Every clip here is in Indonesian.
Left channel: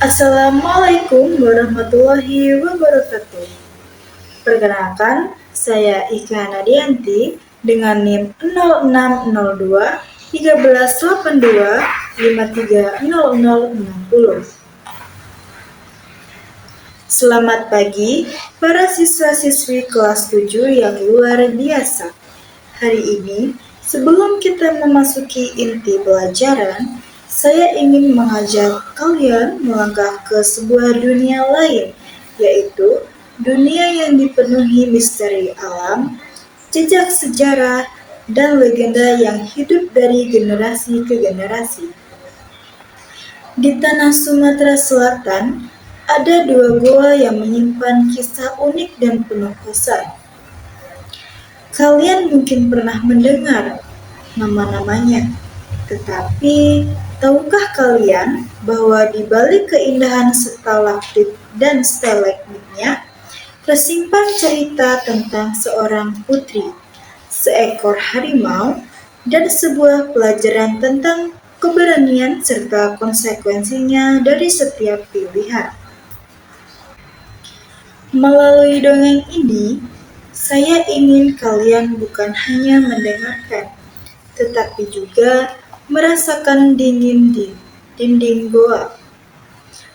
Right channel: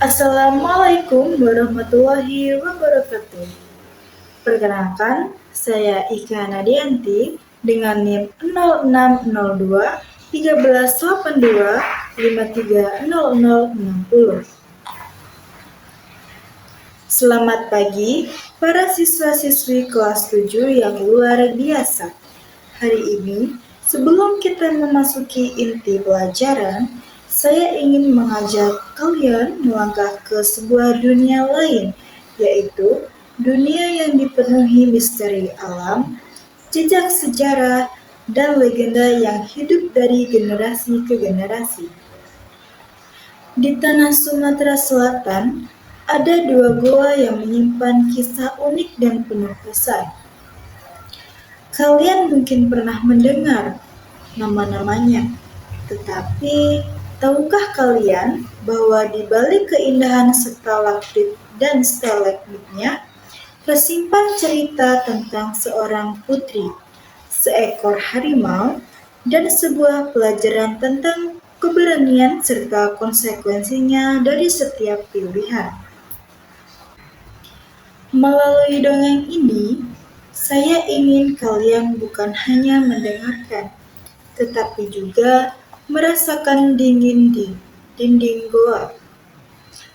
Assalamualaikum warahmatullahi wabarakatuh. Perkenalkan, saya Ika Nadianti dengan NIM 0602 1382 530060. Selamat pagi para siswa-siswi kelas 7 yang luar biasa. Hari ini, sebelum kita memasuki inti pelajaran, saya ingin mengajak kalian melangkah ke sebuah dunia lain, yaitu dunia yang dipenuhi misteri alam, jejak sejarah, dan legenda yang hidup dari generasi ke generasi. Di tanah Sumatera Selatan, ada dua gua yang menyimpan kisah unik dan penuh pesan. Kalian mungkin pernah mendengar nama-namanya, tetapi tahukah kalian bahwa di balik keindahan stalaktit dan stalagmitnya tersimpan cerita tentang seorang putri, seekor harimau, dan sebuah pelajaran tentang keberanian serta konsekuensinya dari setiap pilihan. Melalui dongeng ini, saya ingin kalian bukan hanya mendengarkan, tetapi juga merasakan dingin di dinding goa,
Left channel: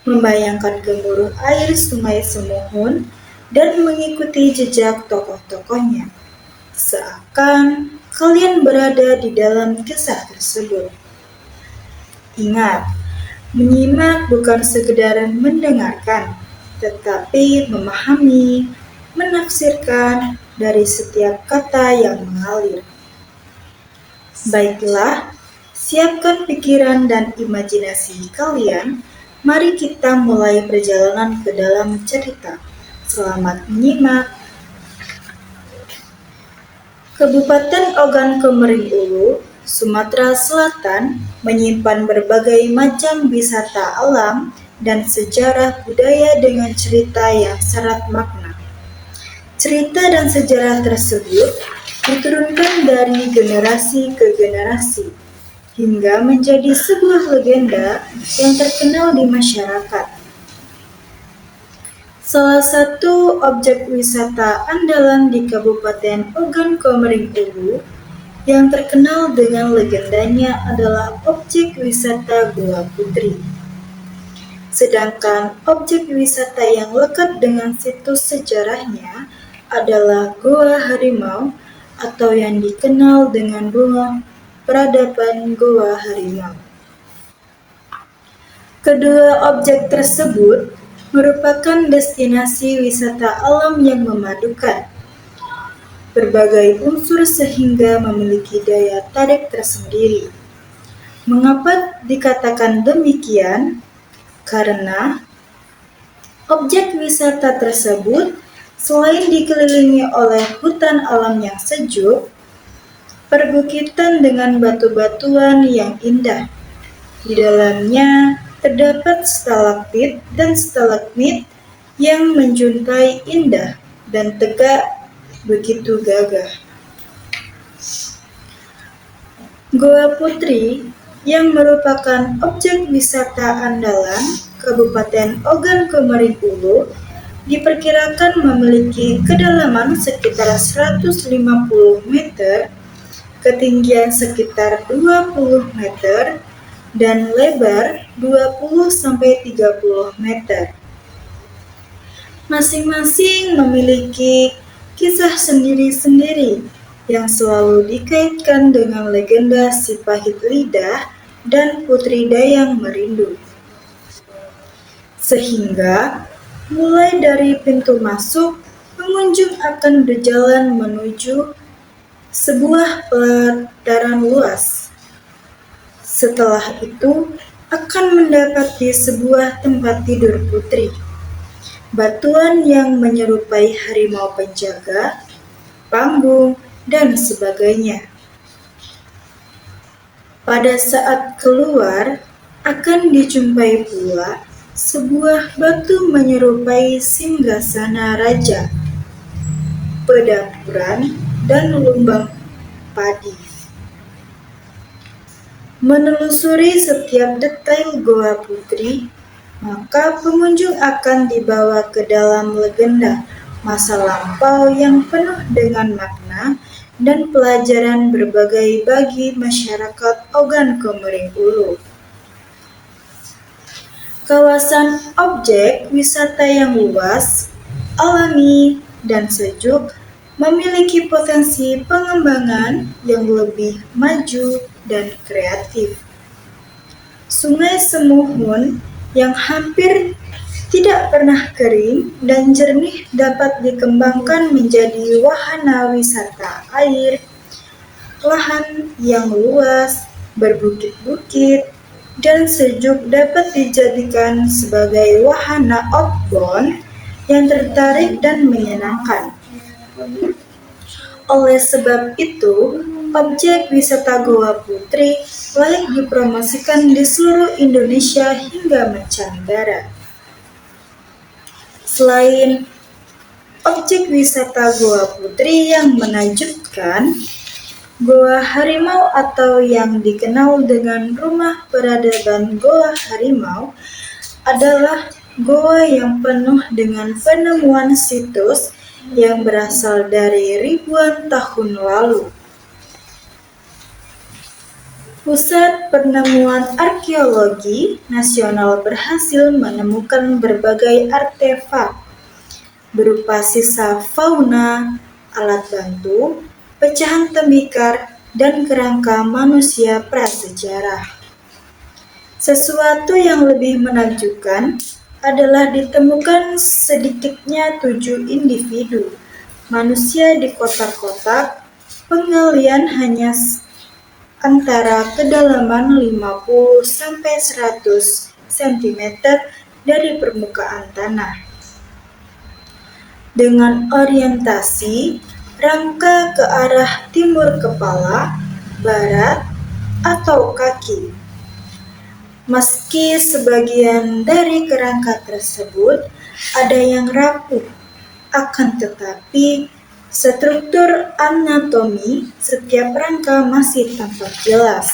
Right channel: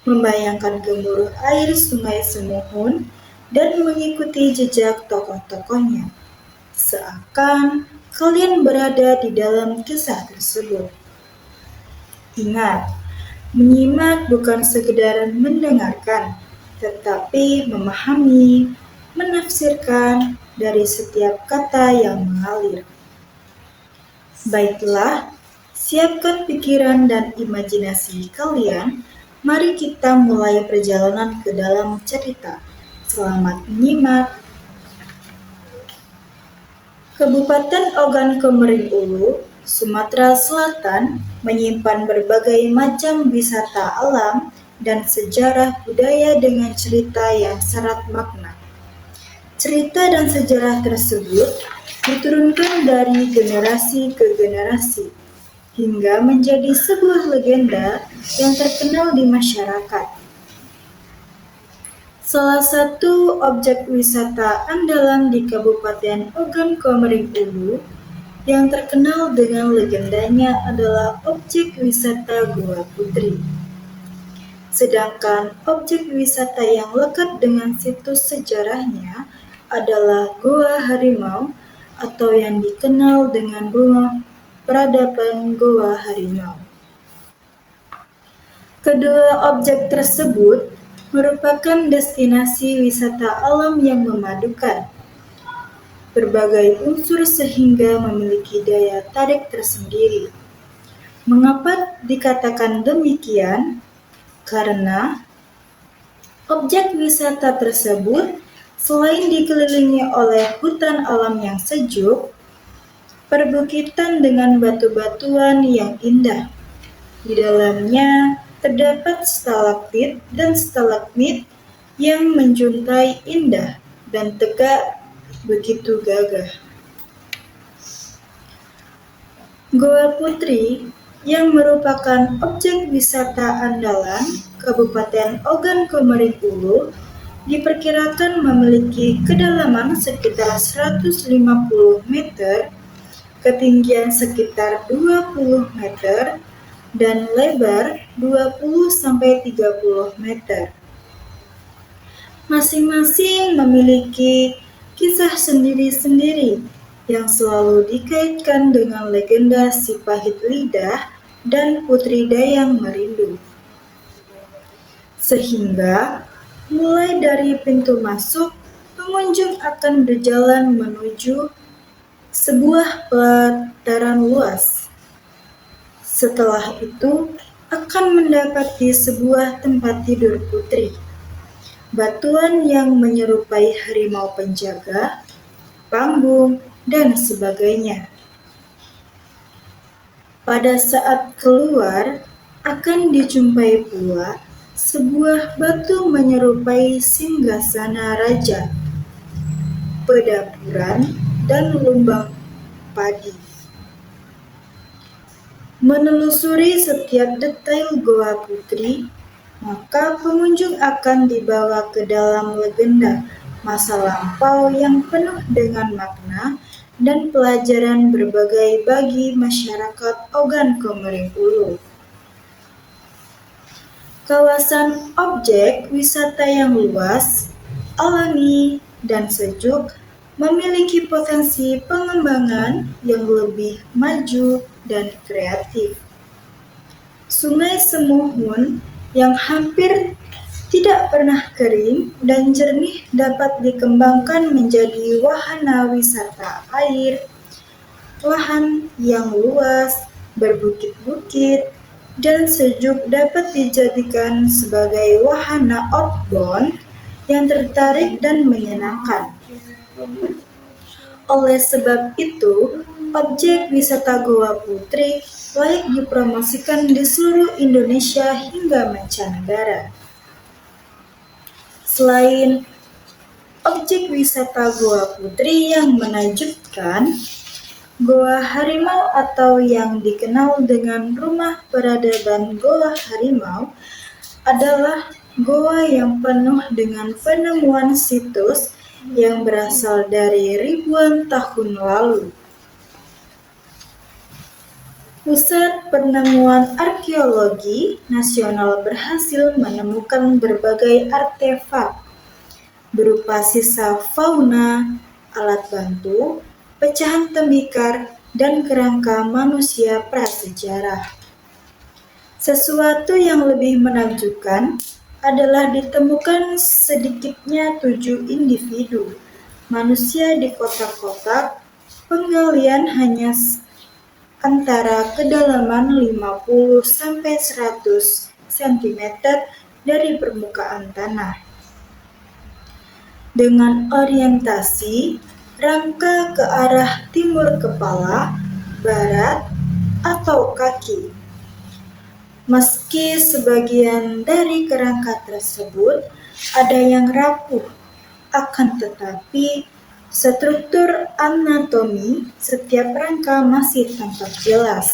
membayangkan gemuruh air sungai Semuhun, dan mengikuti jejak tokoh-tokohnya, seakan kalian berada di dalam kisah tersebut. Ingat, menyimak bukan sekedar mendengarkan, tetapi memahami, menafsirkan dari setiap kata yang mengalir. Baiklah, siapkan pikiran dan imajinasi kalian. Mari kita mulai perjalanan ke dalam cerita. Selamat menyimak. Kabupaten Ogan Komering Ulu, Sumatera Selatan, menyimpan berbagai macam wisata alam dan sejarah budaya dengan cerita yang syarat makna. Cerita dan sejarah tersebut diturunkan dari generasi ke generasi, hingga menjadi sebuah legenda yang terkenal di masyarakat. Salah satu objek wisata andalan di Kabupaten Ogan Komering Ulu yang terkenal dengan legendanya adalah objek wisata Goa Putri. Sedangkan objek wisata yang lekat dengan situs sejarahnya adalah Goa Harimau atau yang dikenal dengan rumah peradaban Goa Harimau. Kedua objek tersebut merupakan destinasi wisata alam yang memadukan berbagai unsur sehingga memiliki daya tarik tersendiri. Mengapa dikatakan demikian? Karena objek wisata tersebut selain dikelilingi oleh hutan alam yang sejuk, perbukitan dengan batu-batuan yang indah. Di dalamnya terdapat stalaktit dan stalagmit yang menjuntai indah dan tegak begitu gagah. Goa Putri yang merupakan objek wisata andalan Kabupaten Ogan Komering Ulu diperkirakan memiliki kedalaman sekitar 150 meter, ketinggian sekitar 20 meter, dan lebar 20-30 meter. Masing-masing memiliki kisah sendiri-sendiri yang selalu dikaitkan dengan legenda si pahit lidah dan Putri Dayang Merindu. Sehingga, mulai dari pintu masuk, pengunjung akan berjalan menuju sebuah pelataran luas. Setelah itu, akan mendapati sebuah tempat tidur putri. Batuan yang menyerupai harimau penjaga, panggung, dan sebagainya. Pada saat keluar, akan dijumpai pula sebuah batu menyerupai singgasana raja, pedapuran, dan lumbang padi. Menelusuri setiap detail Goa Putri, maka pengunjung akan dibawa ke dalam legenda masa lampau yang penuh dengan makna dan pelajaran berbagai bagi masyarakat Ogan Komering Ulu. Kawasan objek wisata yang luas, alami, dan sejuk memiliki potensi pengembangan yang lebih maju dan kreatif. Sungai Semuhun yang hampir tidak pernah kering dan jernih dapat dikembangkan menjadi wahana wisata air, lahan yang luas, berbukit-bukit, dan sejuk dapat dijadikan sebagai wahana outbound yang tertarik dan menyenangkan. Oleh sebab itu, objek wisata Goa Putri layak dipromosikan di seluruh Indonesia hingga mancanegara. Selain objek wisata Goa Putri yang menakjubkan, Goa Harimau atau yang dikenal dengan Rumah Peradaban Goa Harimau adalah goa yang penuh dengan penemuan situs yang berasal dari ribuan tahun lalu. Pusat Penemuan Arkeologi Nasional berhasil menemukan berbagai artefak berupa sisa fauna, alat bantu, pecahan tembikar, dan kerangka manusia prasejarah. Sesuatu yang lebih menakjubkan adalah ditemukan sedikitnya 7 individu manusia di kotak-kotak. Penggalian hanya antara kedalaman 50 sampai 100 cm dari permukaan tanah. Dengan orientasi rangka ke arah timur kepala, barat, atau kaki. Meski sebagian dari kerangka tersebut ada yang rapuh, akan tetapi struktur anatomi setiap rangka masih tampak jelas.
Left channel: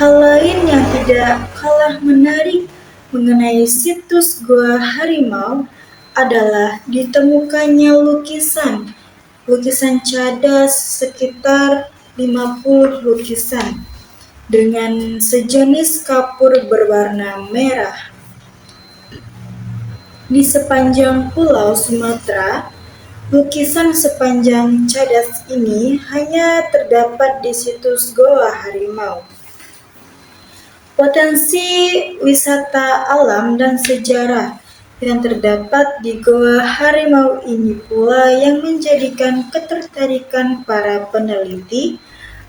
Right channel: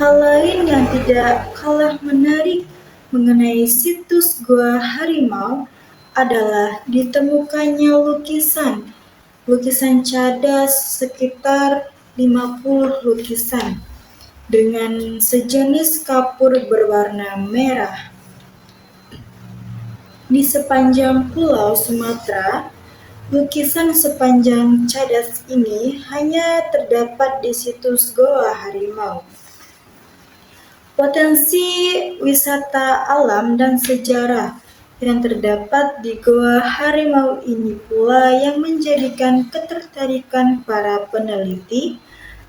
Hal lain yang tidak kalah menarik mengenai situs Goa Harimau adalah ditemukannya lukisan cadas sekitar 50 lukisan dengan sejenis kapur berwarna merah. Di sepanjang Pulau Sumatera, lukisan sepanjang cadas ini hanya terdapat di situs Goa Harimau. Potensi wisata alam dan sejarah yang terdapat di Goa Harimau ini pula yang menjadikan ketertarikan para peneliti,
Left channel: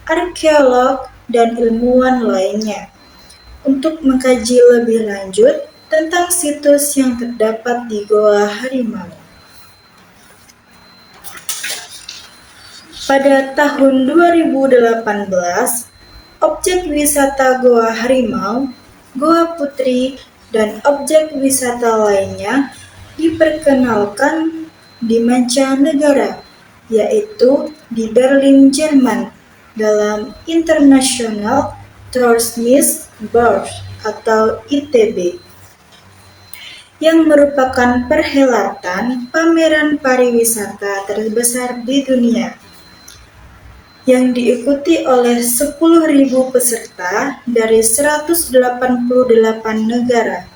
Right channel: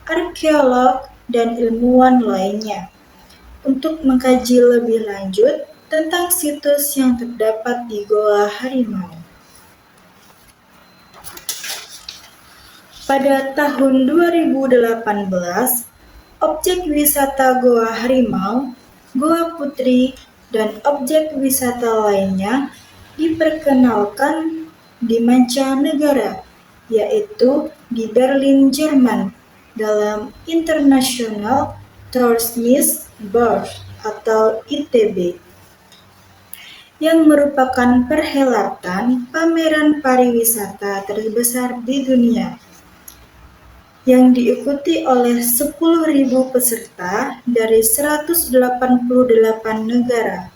arkeolog, dan ilmuwan lainnya untuk mengkaji lebih lanjut tentang situs yang terdapat di Goa Harimau. Pada tahun 2018, objek wisata Goa Harimau, Goa Putri, dan objek wisata lainnya diperkenalkan di mancanegara, yaitu di Berlin, Jerman, dalam International Tourismusbeurs atau ITB, yang merupakan perhelatan pameran pariwisata terbesar di dunia, yang diikuti oleh 10.000 peserta dari 188 negara.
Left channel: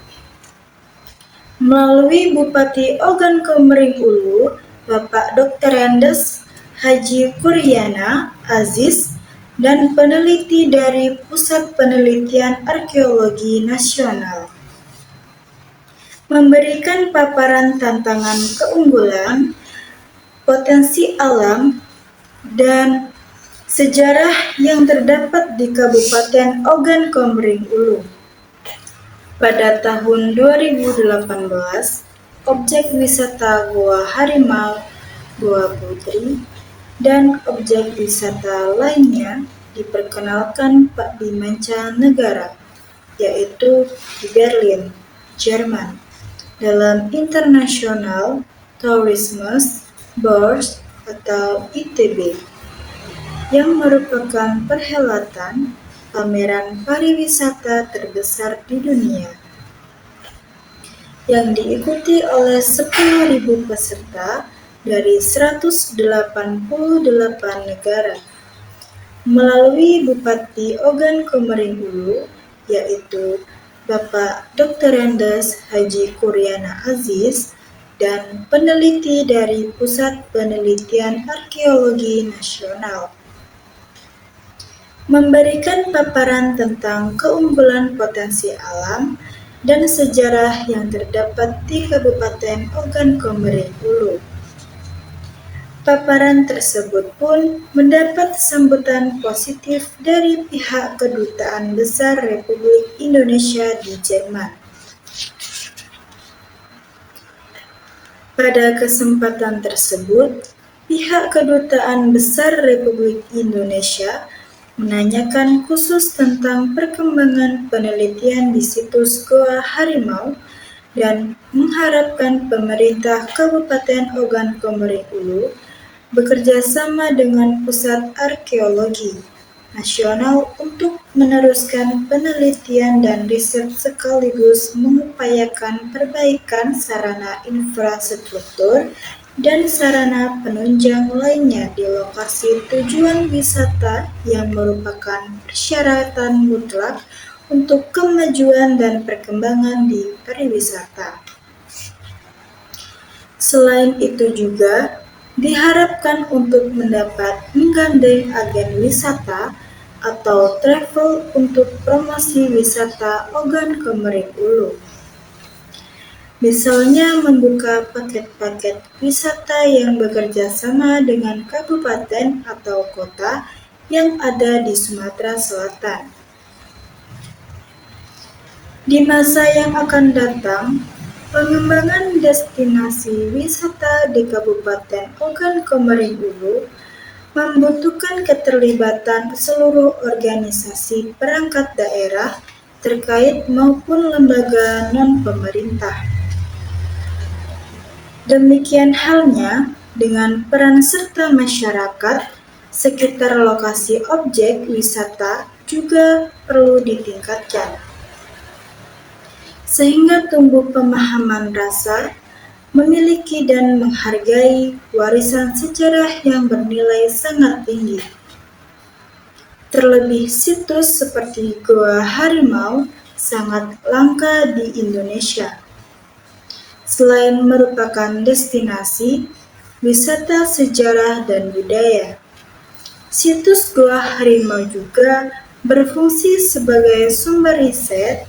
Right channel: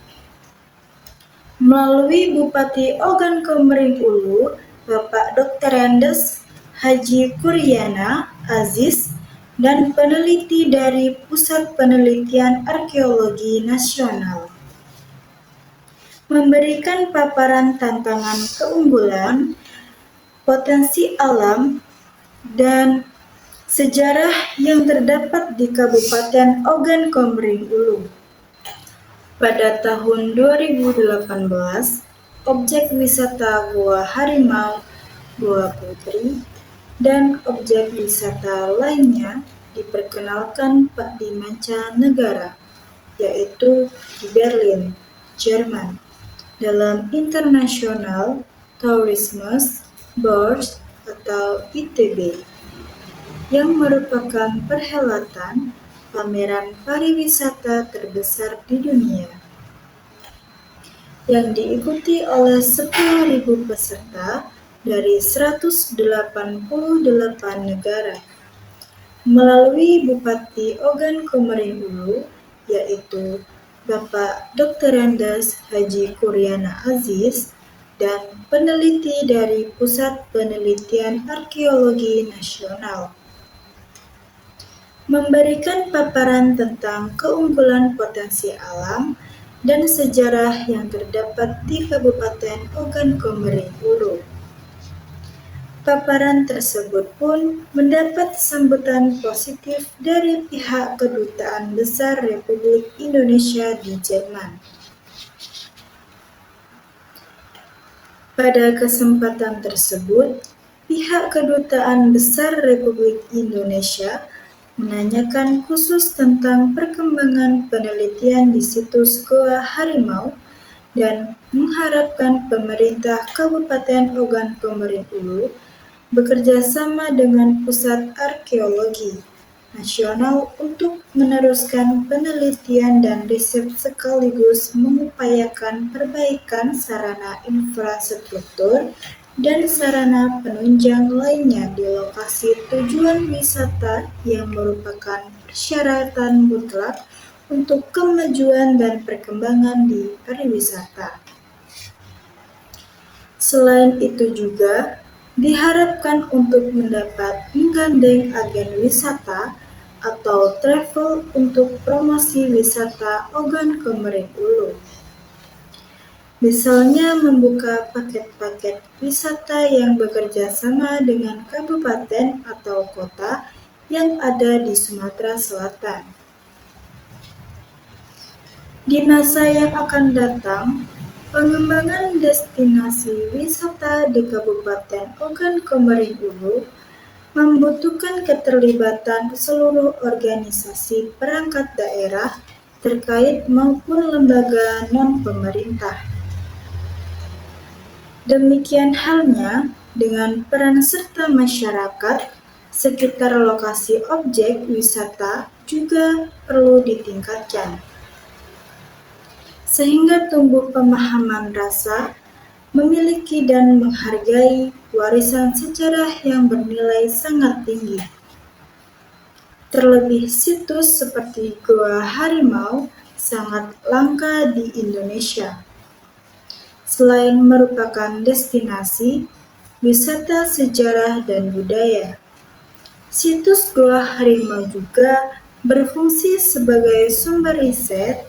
Melalui Bupati Ogan Komering Ulu, Bapak Dr. Andes Haji Kuryana Aziz, dan peneliti dari Pusat Penelitian Arkeologi Nasional, memberikan paparan tantangan keunggulan, potensi alam, dan sejarah yang terdapat di Kabupaten Ogan Komering Ulu. Pada tahun 2018, objek wisata Goa Harimau, Goa Putri, dan objek wisata lainnya diperkenalkan di mancanegara, yaitu di Berlin, Jerman, dalam International Tourismusbeurs atau ITB, yang merupakan perhelatan pameran pariwisata terbesar di dunia, yang diikuti oleh 10.000 peserta dari 188 negara. Melalui Bupati Ogan Komering Ulu, yaitu Bapak Dr. Andes Haji Kuryana Aziz, dan peneliti dari Pusat Penelitian Arkeologi Nasional, memberikan paparan tentang keunggulan potensi alam dan sejarah yang terdapat di Kabupaten Ogan Komering Ulu. Paparan tersebut pun mendapat sambutan positif dari pihak Kedutaan Besar Republik Indonesia di Jerman. Pada kesempatan tersebut, pihak Kedutaan Besar Republik Indonesia menanyakan khusus tentang perkembangan penelitian di situs Goa Harimau dan mengharapkan pemerintah Kabupaten Ogan Komering Ulu bekerja sama dengan Pusat Arkeologi Nasional untuk meneruskan penelitian dan riset sekaligus mengupayakan perbaikan sarana infrastruktur dan sarana penunjang lainnya di lokasi tujuan wisata yang merupakan persyaratan mutlak untuk kemajuan dan perkembangan di pariwisata. Selain itu juga diharapkan untuk mendapat menggandeng agen wisata atau travel untuk promosi wisata Ogan Komering Ulu. Misalnya membuka paket-paket wisata yang bekerja sama dengan kabupaten atau kota yang ada di Sumatera Selatan. Di masa yang akan datang, pengembangan destinasi wisata di Kabupaten Ogan Komering Ulu membutuhkan keterlibatan seluruh organisasi perangkat daerah terkait maupun lembaga non-pemerintah. Demikian halnya dengan peran serta masyarakat sekitar lokasi objek wisata juga perlu ditingkatkan, sehingga tumbuh pemahaman rasa memiliki dan menghargai warisan sejarah yang bernilai sangat tinggi. Terlebih situs seperti Goa Harimau sangat langka di Indonesia. Selain merupakan destinasi wisata sejarah dan budaya, situs Goa Harimau juga berfungsi sebagai sumber riset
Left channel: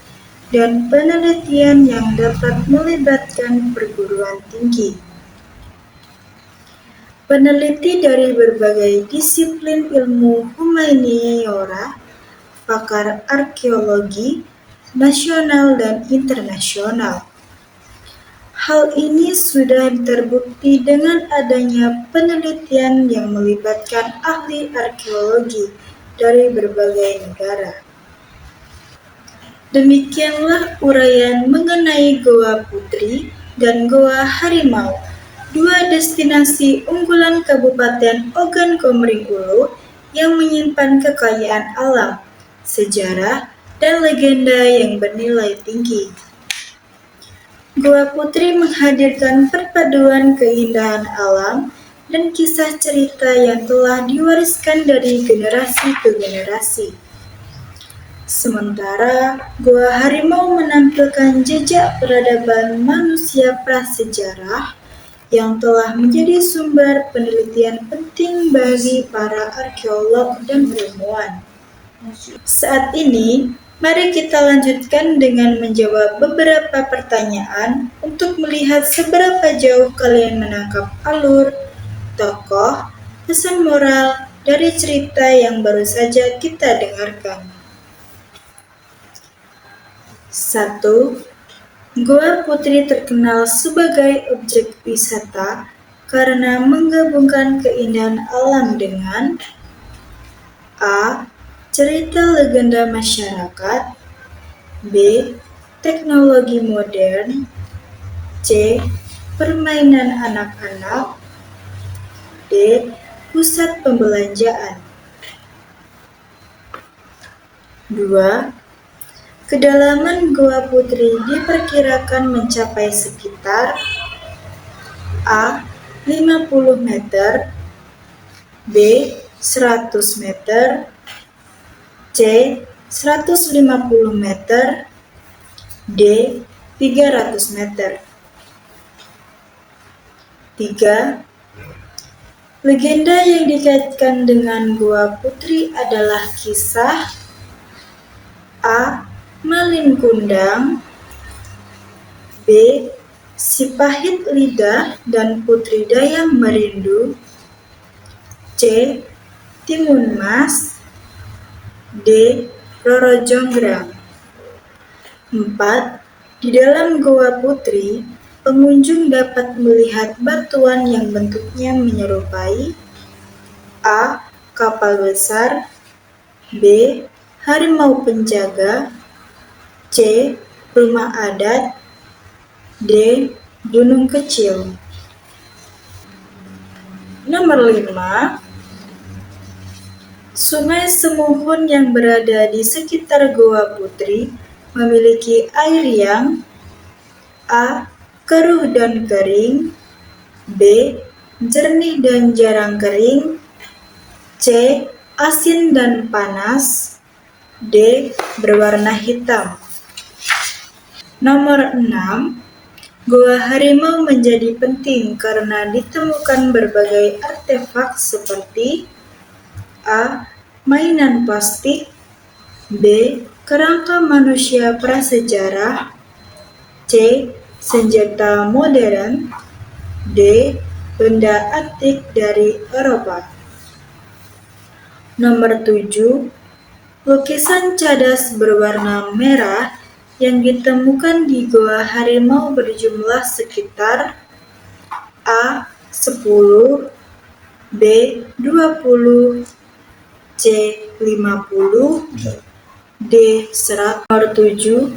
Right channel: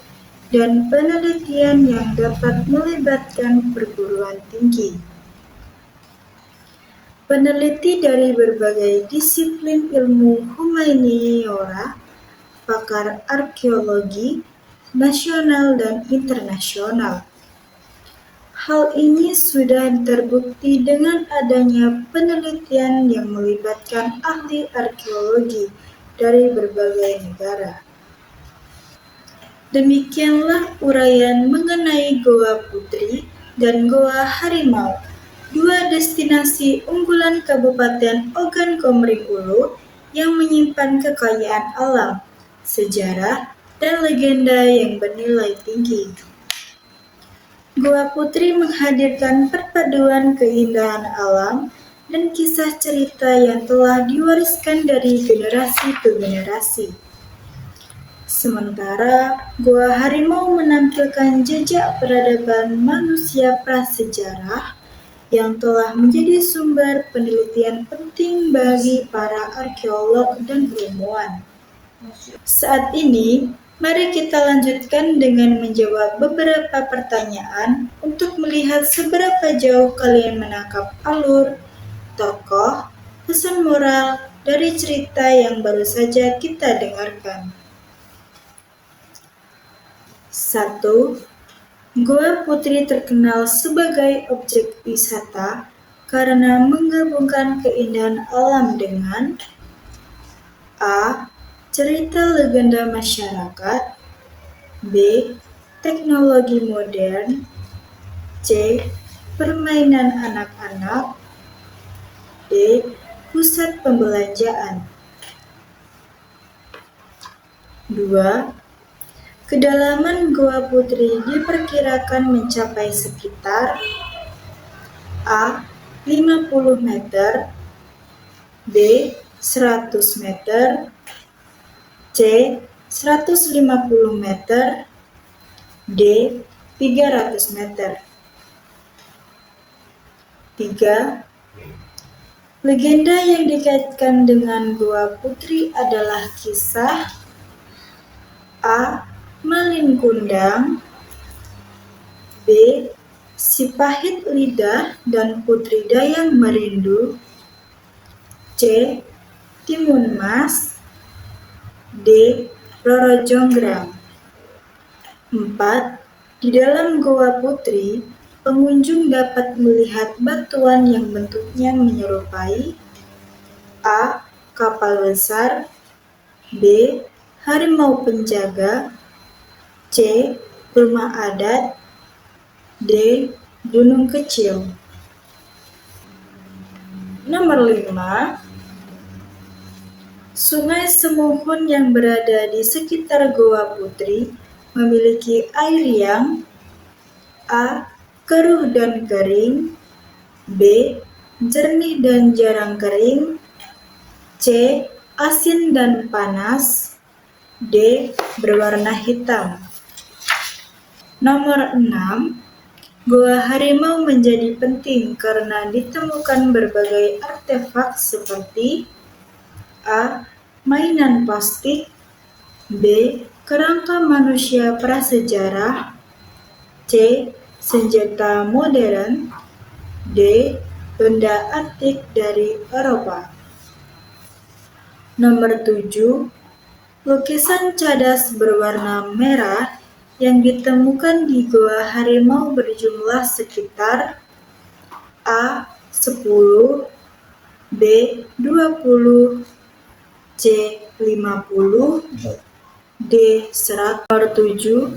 dan penelitian yang dapat melibatkan perguruan tinggi. Peneliti dari berbagai disiplin ilmu humaniora, pakar arkeologi, nasional dan internasional. Hal ini sudah terbukti dengan adanya penelitian yang melibatkan ahli arkeologi dari berbagai negara. Demikianlah uraian mengenai Goa Putri dan Goa Harimau, dua destinasi unggulan Kabupaten Ogan Komering Ulu yang menyimpan kekayaan alam, sejarah, dan legenda yang bernilai tinggi. Goa Putri menghadirkan perpaduan keindahan alam dan kisah cerita yang telah diwariskan dari generasi ke generasi. Sementara Goa Harimau menampilkan jejak peradaban manusia prasejarah yang telah menjadi sumber penelitian penting bagi para arkeolog dan ilmuwan. Saat ini, mari kita lanjutkan dengan menjawab beberapa pertanyaan untuk melihat seberapa jauh kalian menangkap alur, tokoh, pesan moral dari cerita yang baru saja kita dengarkan. 1. Goa Putri terkenal sebagai objek wisata karena menggabungkan keindahan alam dengan A. Cerita legenda masyarakat, B. Teknologi modern, C. Permainan anak-anak, D. Pusat pembelanjaan. 2. Kedalaman Gua Putri diperkirakan mencapai sekitar A. 50 meter, B. 100 meter, C. 150 meter, D. 300 meter. 3. Legenda yang dikaitkan dengan Gua Putri adalah kisah A. Malin Kundang, B. Si Pahit Lidah dan Putri Dayang Merindu, C. Timun Mas, D. Roro Jonggrang. 4. Di dalam Gua Putri, pengunjung dapat melihat batuan yang bentuknya menyerupai A. Kapal besar, B. Harimau penjaga, C. Rumah adat, D. Gunung kecil. Nomor 5. Sungai Semuhun yang berada di sekitar Gua Putri memiliki air yang A. Keruh dan kering, B. Jernih dan jarang kering, C. Asin dan panas, D. Berwarna hitam. Nomor 6. Gua Harimau menjadi penting karena ditemukan berbagai artefak seperti A. Mainan plastik, B. Kerangka manusia prasejarah, C. Senjata modern, D. Benda antik dari Eropa. Nomor 7. Lukisan cadas berwarna merah yang ditemukan di Gua Harimau berjumlah sekitar A. 10, B. 20, C. 50, D. 100. Nomor 7.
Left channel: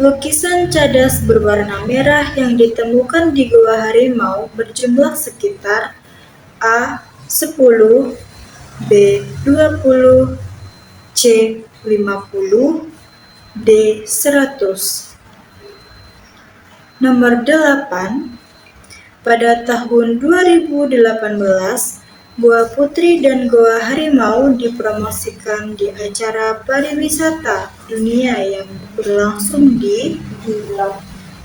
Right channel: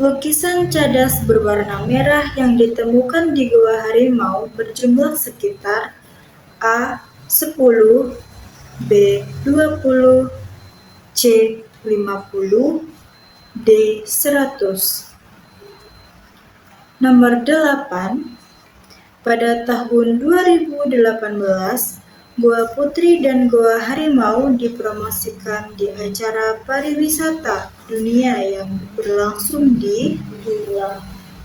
Lukisan cadas berwarna merah yang ditemukan di Gua Harimau berjumlah sekitar A. 10, B. 20, C. 50, D. 100. Nomor 8. Pada tahun 2018, Gua Putri dan Gua Harimau dipromosikan di acara pariwisata dunia yang berlangsung di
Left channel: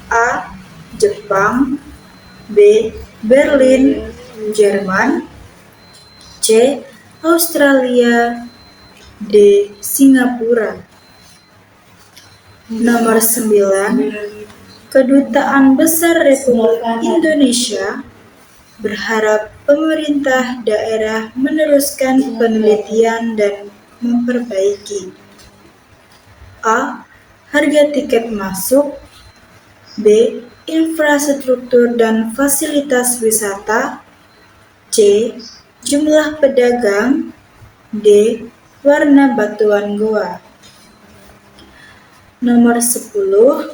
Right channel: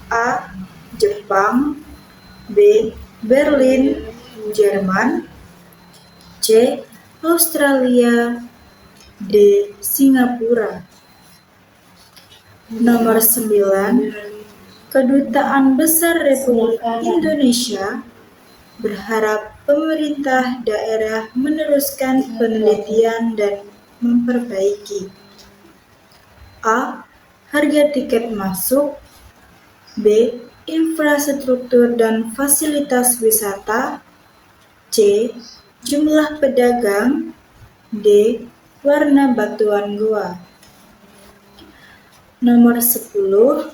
A. Jepang, B. Berlin, Jerman, C. Australia, D. Singapura. Nomor 9. Kedutaan Besar Republik Indonesia berharap pemerintah daerah meneruskan penelitian dan memperbaiki A. Harga tiket masuk, B. Infrastruktur dan fasilitas wisata, C. Jumlah pedagang, D. Warna batuan gua. Nomor 10.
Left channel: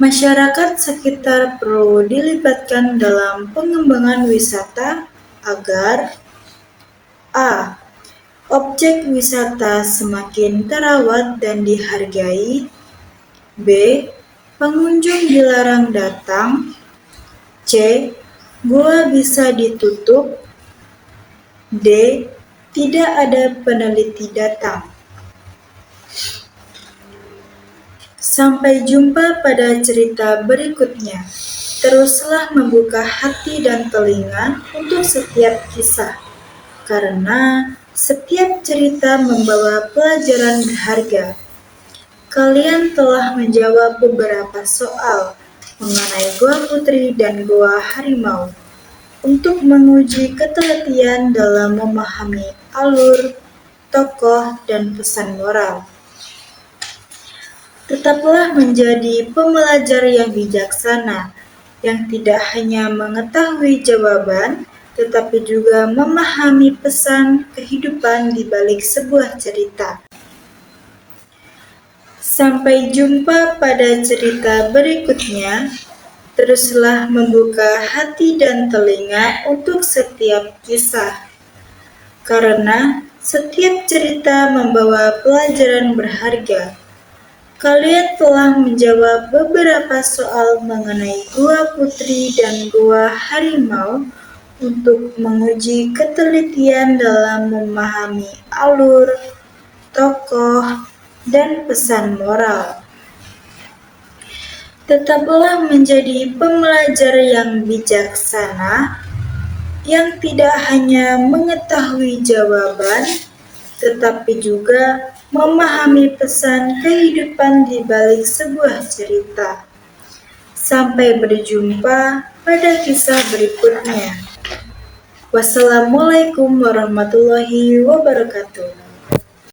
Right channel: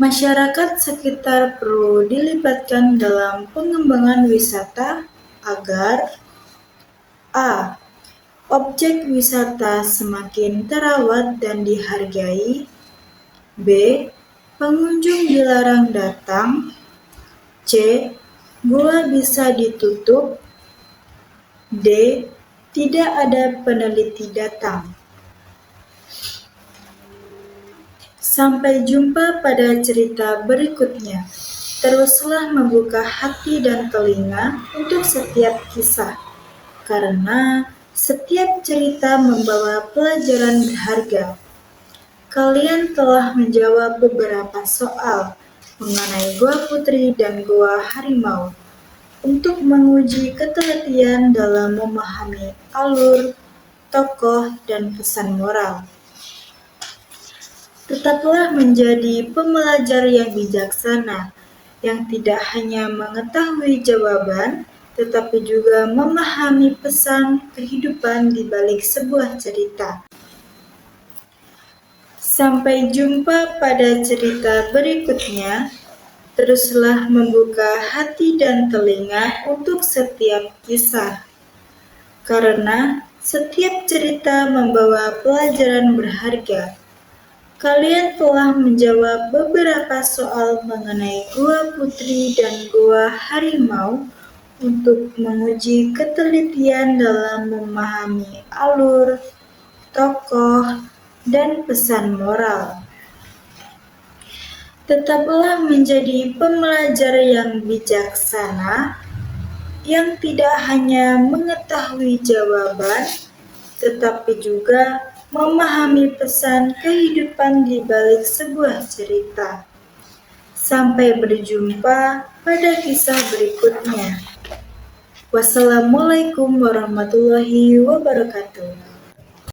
Masyarakat sekitar perlu dilibatkan dalam pengembangan wisata agar A. Objek wisata semakin terawat dan dihargai, B. Pengunjung dilarang datang, C. Gua bisa ditutup, D. Tidak ada peneliti datang. Sampai jumpa pada cerita berikutnya. Teruslah membuka hati dan telinga untuk setiap kisah, karena setiap cerita membawa pelajaran berharga. Kalian telah menjawab beberapa soal mengenai Gua Putri dan Gua Harimau untuk menguji ketelitian dalam memahami alur, tokoh, dan pesan moral. Tetaplah menjadi pembelajar yang bijaksana, yang tidak hanya mengetahui jawaban, tetapi juga memahami pesan kehidupan di balik sebuah cerita. Sampai jumpa pada cerita berikutnya. Teruslah membuka hati dan telinga untuk setiap kisah, karena Setiap cerita membawa pelajaran berharga. Kalian telah menjawab beberapa soal mengenai Gua Putri dan Gua Harimau untuk menguji ketelitian dalam memahami alur, tokoh, dan pesan moral. Tetaplah menjadi pembelajar yang bijaksana, yang tidak hanya mengetahui jawaban, tetapi juga memahami pesan kehidupan di balik sebuah cerita. Sampai berjumpa pada kisah berikutnya. Wassalamualaikum warahmatullahi wabarakatuh.